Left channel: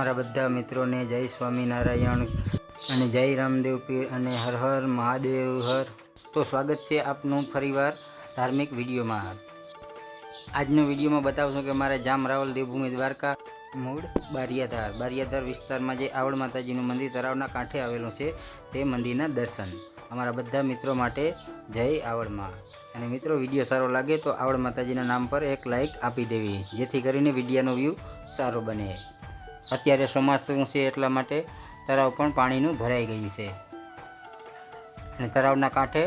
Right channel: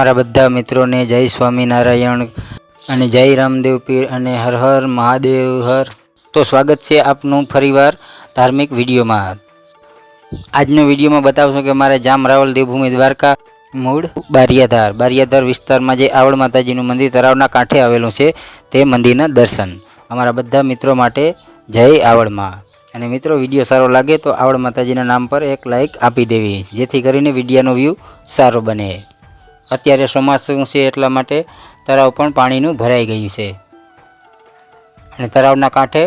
મારા બધા મિત્રોને જય સ્વામિનારાયણ અને જય રામદેવ પીર અને હર હર મહાદેવ હર। તો સ્વાગત છે આપનું ફરીવાર ધાર્મિક વિડીયોમાં। આજનો વિડીયોમાં બતાવશું કે મારે જામ રાવલ દેવભૂમિ દ્વારકા મૂળ બારિયાધાર વિસ્તારમાં જે આવડ માતાજીનું મંદિર તળાવના કાંઠે આવેલું છે તે મંદિરના દર્શન અમારા બધા મિત્રો માટે જય આવડમાં। અને મિત્રો વિડીયો સારો લાગે તો આવડ માતાજીના નામ પર એક લાઈક આપી દેવી, જેથી કરીને વિડીયોનો વ્યૂ સારો બને। અત્યારે ચોમાસું છે એટલા માટે તળાવ પણ પાણીનું ભરાઈ ગયું છે અને તળાવના કાંઠે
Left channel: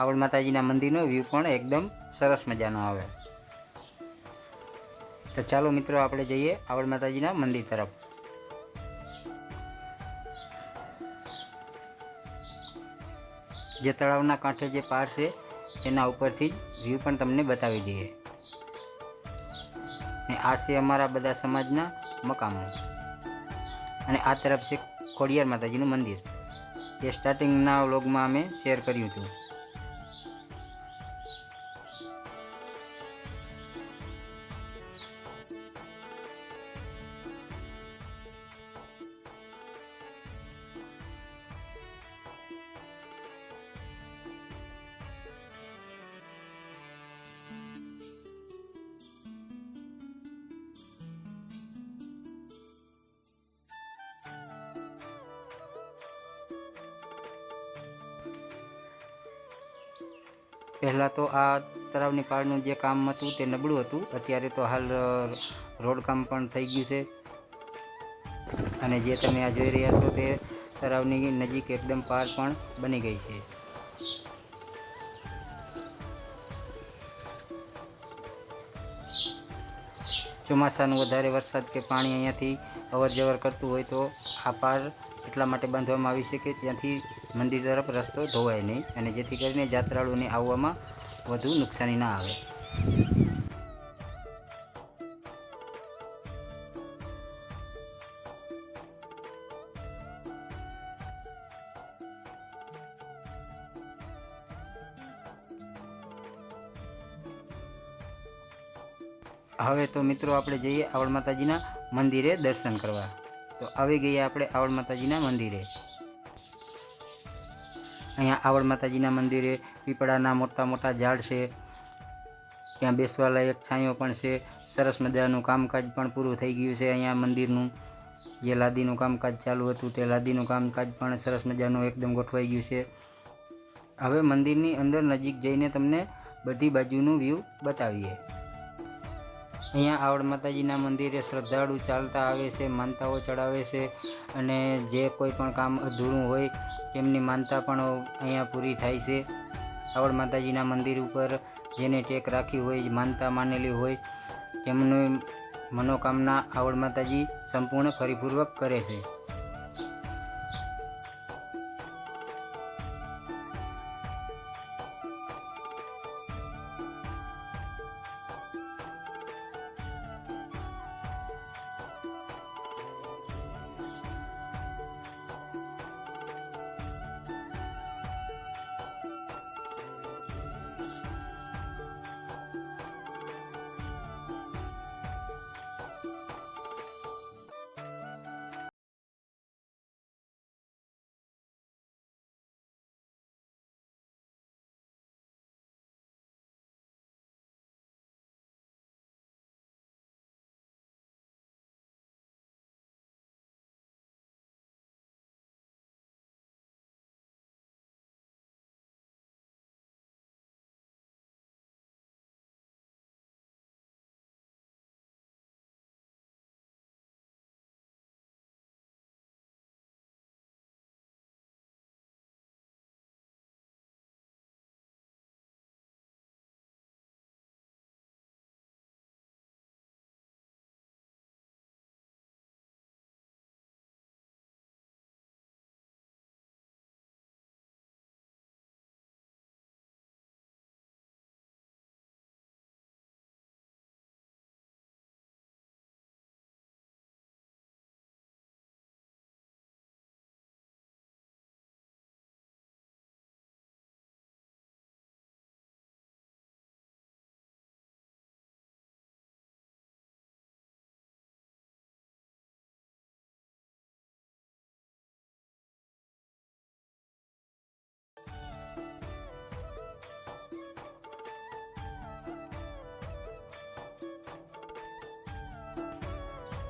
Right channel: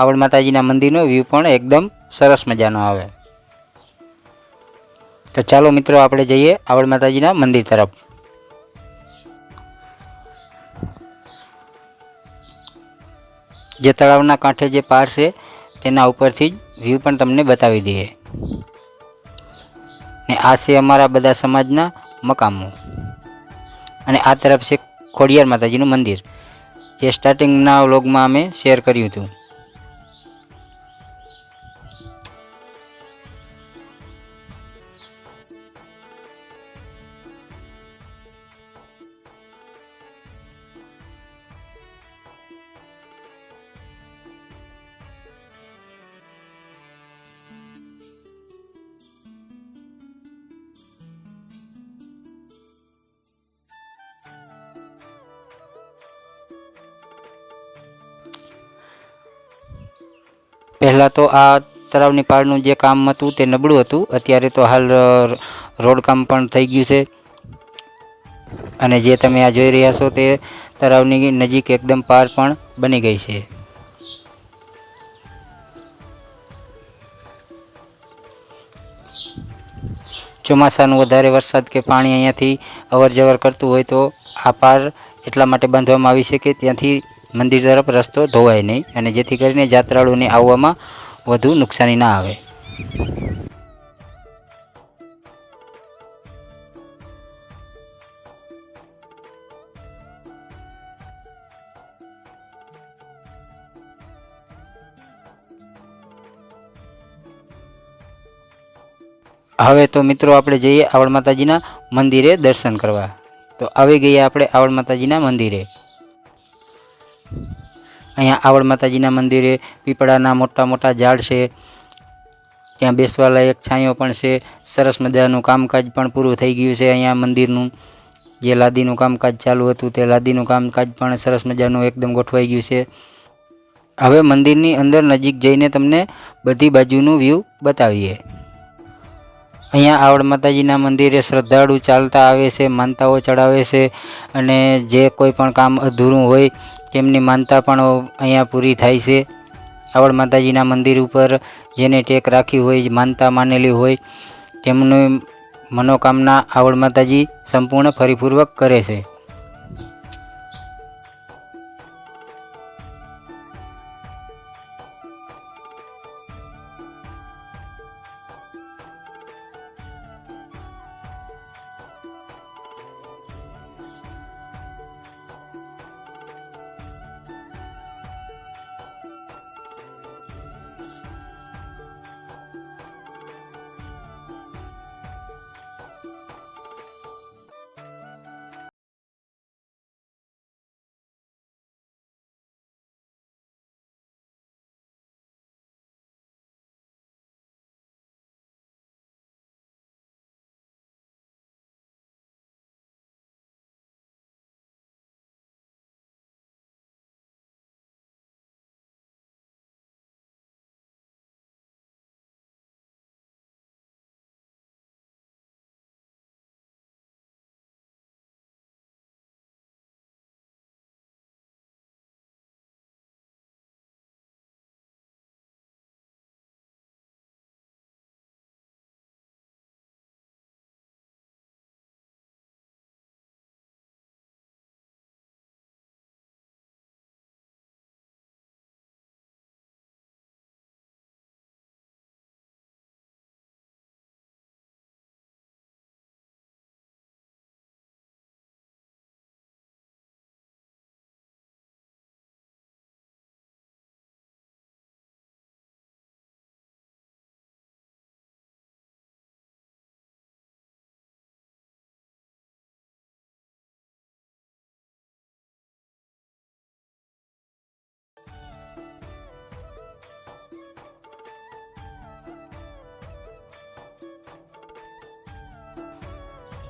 આવડ માતાજીના મંદિરનો વ્યૂ પણ એકદમ સરસ મજાનો આવે। તો ચાલો મિત્રો આપણે જઈએ આવડ માતાજીના મંદિર તરફ। જે તળાવના કાંઠે જે પાર છે તેના ઉપરથી જ વ્યૂ પણ તમને બતાવી દઈએ। ને આ છે અમારા બધા સમાજના મકામો અને આ તરફ છે ખોડિયાર માતાજીનું મંદિર, જે સ્ટાર્ટિંગના વ્લોગમાં અમે શેર કર્યું હતું। પહેલાં તો આ તળાવની પાળનું જે કામ હતું તે નબળું હતું, અત્યારે તો હાલ રોડ કામ પણ થઈ ગયું છે અને જે તમે આ જોઈ રહ્યા છો તે તળાવની નજીક એકદમ પાર પણ બની ગઈ છે। ચોમાસાનું વધારે વરસાદ કે પાણી અહીંયાથી અવર જવર કરતું હોય તો આ પાર એટલા માટે બાંધવામાં આવી છે કે ત્યાંથી મંદિર તરફ રસ્તો ધોવાય નહીં અને જેથી કરીને યાત્રાળુઓને આવવામાં વધુ નુકસાની ના આવે। હવે તો મિત્રો આપણે જઈએ આવડ માતાજીના મંદિરે દર્શન કરવા। તો આવી ગયા આપણે આવડ માતાજીના મંદિરે। અહીંયા આવડ માતાજીના મંદિરે પીપળાના મોટા મોટા ઝાડ છે, ત્યાં બેસવા લાયક છાંયો પણ છે, સરસ મજાનું કામકાજ પણ પૂરું થઈ ગયું છે। અહીંયા મંદિરનું જે લાદીનું કામકાજ ચાલુ હતું તે લાદીનું કામકાજ પણ સરસ મજાનું એકદમ ગોઠવાઈ ગયું છે। હવે મંદિરની અંદર નજીક જઈને તમને બધી બાજુનું વ્યૂ બતાવીએ। અહીંયા આવડ માતાજીના મંદિરે શ્રદ્ધાળુ ચાલતા આવે છે, માનતાઓ ચડાવે છે અને જે કોઈ પણ કામ અધૂરું હોય તેમની માનતા પણ અહીંયા પૂરી થાય છે। આવડ માતાજીના મંદિર ઉપર જેને ટેક રાખી હોય, માનતા માનેલી હોય, તેમની મનોકામના આવડ માતાજી સંપૂર્ણ પરિપૂર્વક કરે છે।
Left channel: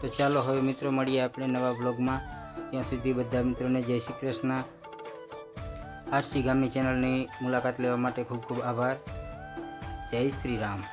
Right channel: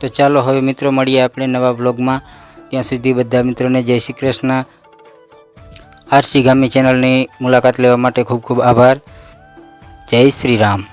તો ચાલો હવે મિત્રો મળીએ આપણે નવા બ્લોગમાં. ત્યાં સુધી બધા મિત્રોને જય શ્રી કૃષ્ણ. આરસી ગામી ચેનલની મુલાકાત લેવા માટે ખૂબ ખૂબ આભાર. જય શ્રી રામ.